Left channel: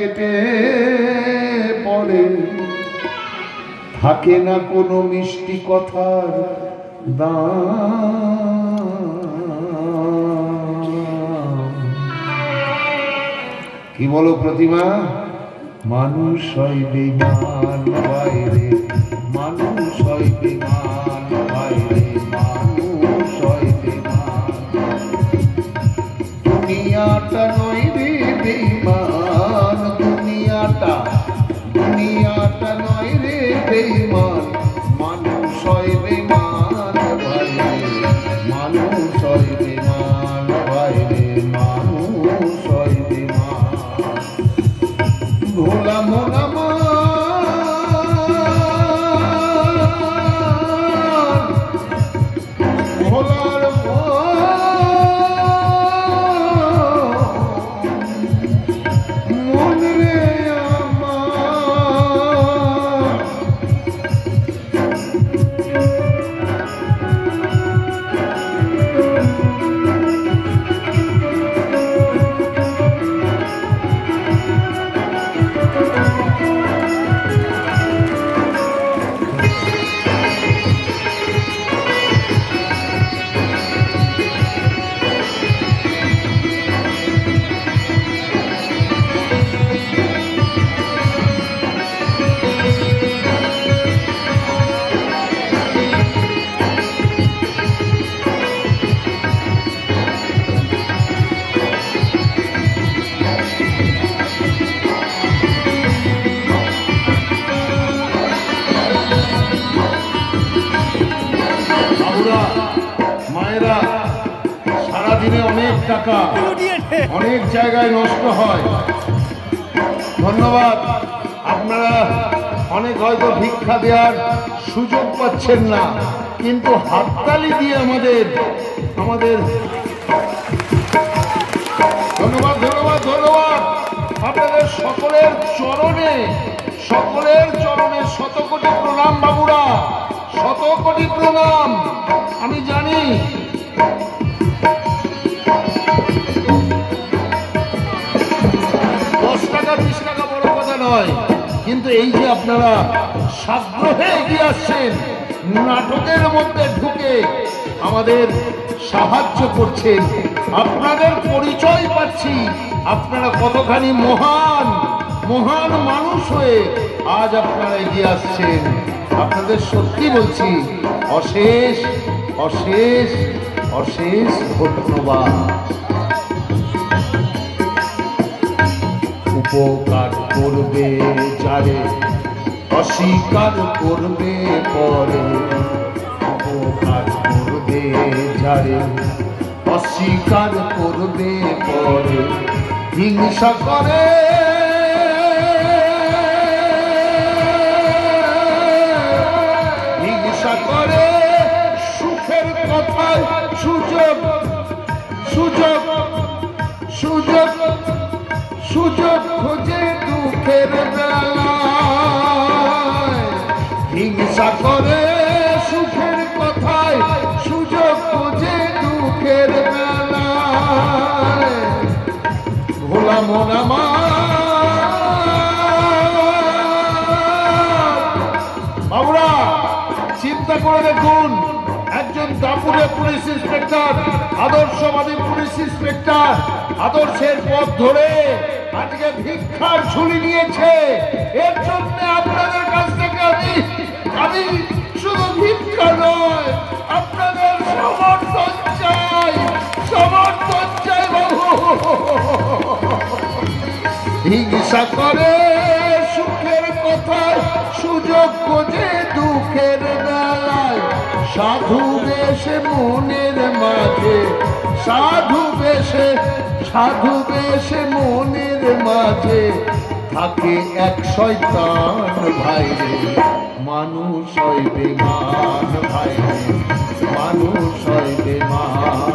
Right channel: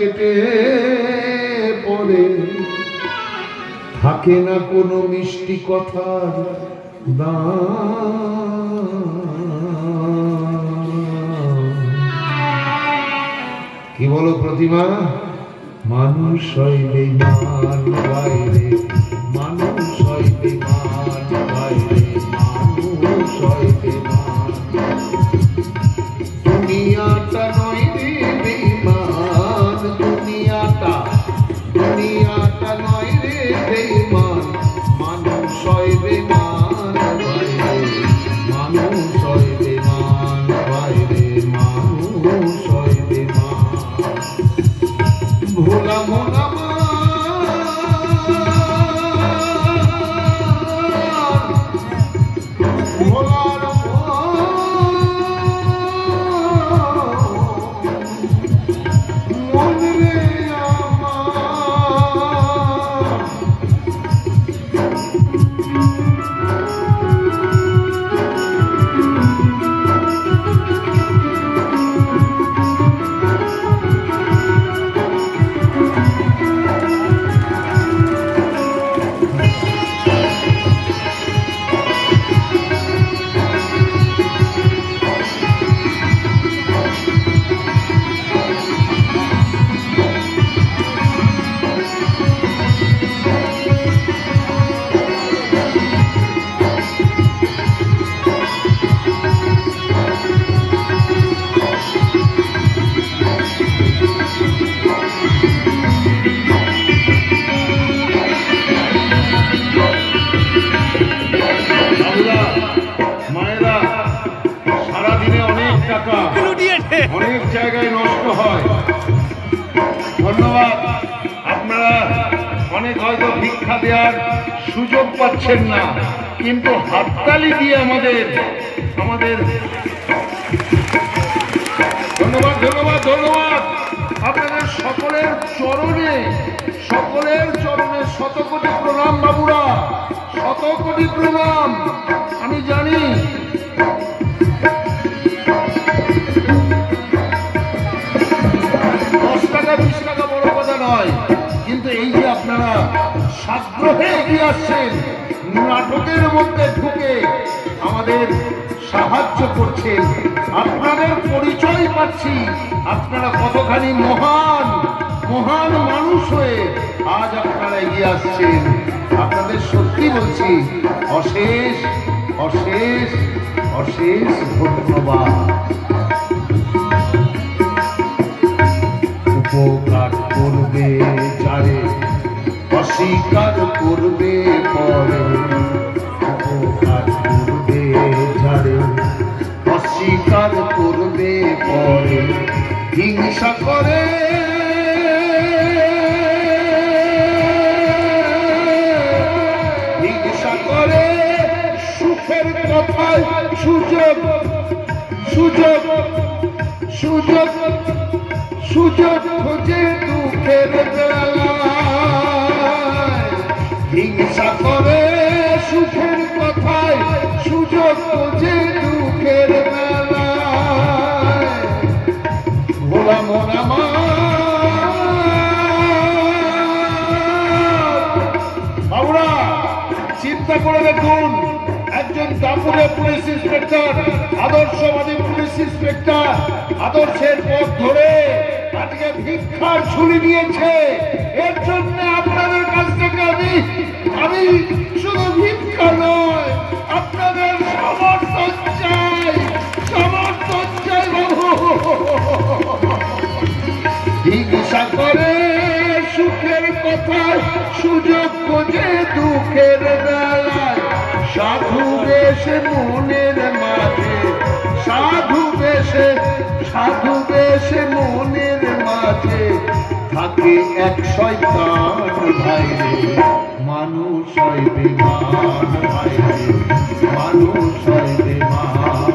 কেটে পড়ে থাকে না কোনো মিষ্টি কথার দাম। কি বলো প্রতিমা? মানুষ হয় বেঈমান বাইরে, মানুষ হয় বেঈমান বাইরে, মানুষ হয় বেঈমান। দুনিয়াটা নয় রে বেঈমান, দুনিয়াটা নয় রে বেঈমান, মানুষ হয় বেঈমান বাইরে, মানুষ হয় বেঈমান বাইরে, মানুষ হয় বেঈমান। ভোলা মোলা অনেক জায়গায় নষ্ট হয়। ধন্যবাদ। আপনারা অনেক হয়তো ভিক্ষা দেওয়ার সুযোগ পাচ্ছেন না, কিন্তু হাততালি দিয়ে আমাদের ধন্যবাদ ধন্যবাদ ধন্যবাদ আপনাদের সকলের চরণে শত কোটি প্রণাম বাবুরা, শত কোটি প্রণাম। আমি জানি কিন্তু এই যে আপনারা সাগ্রহে এগিয়ে আসছেন, নাটকের মধ্যে ঢুকে আমাদের সাহায্য করছেন, আপনাদের পরিচয় পাচ্ছি আপনারা কতখানি মহান মহান মানুষ হয়ে আজ আপনারা এগিয়ে আসছেন। আপনাদের সত্যি বলছি অশেষ অশেষ অশেষ ধন্যবাদ। উপকার করবে যারে, অস্বীকার করবে পরে, উপকার করবে যারে, অস্বীকার করবে পরে, হিংসা করে সুখের কথায় সুযোগ সুযোগ সুযোগ সুযোগ খোঁজে দুঃখের বেলায়, হিংসা করে সুখের কথায় সুযোগ খোঁজে দুঃখের বেলায়। ভোলা মোনা বাবুরা চিন্তা করে দেখুন, একজন দাপুরের পুলিশ ইন্সপেক্টর, আদর্শবাদী পুলিশ ইন্সপেক্টর, আদর্শের পথ ধরে আজকে ভিক্ষার ঝুলি নিয়েছে। এর জন্য আপনাদের কাছ থেকে আমি শুধু ভিক্ষা নয়, আপনাদের সমর্থন চাই, সমর্থন চাই। হিংসা করে সুখের কথা সুযোগ খোঁজে দুঃখের বেলায়, সাধু বেশে মনের মাঝে, সাধু বেশে মনের মাঝে থাকে এক শয়তান ভাইরে, মানুষ হয় বেঈমান ভাইরে, মানুষ হয় বেঈমান।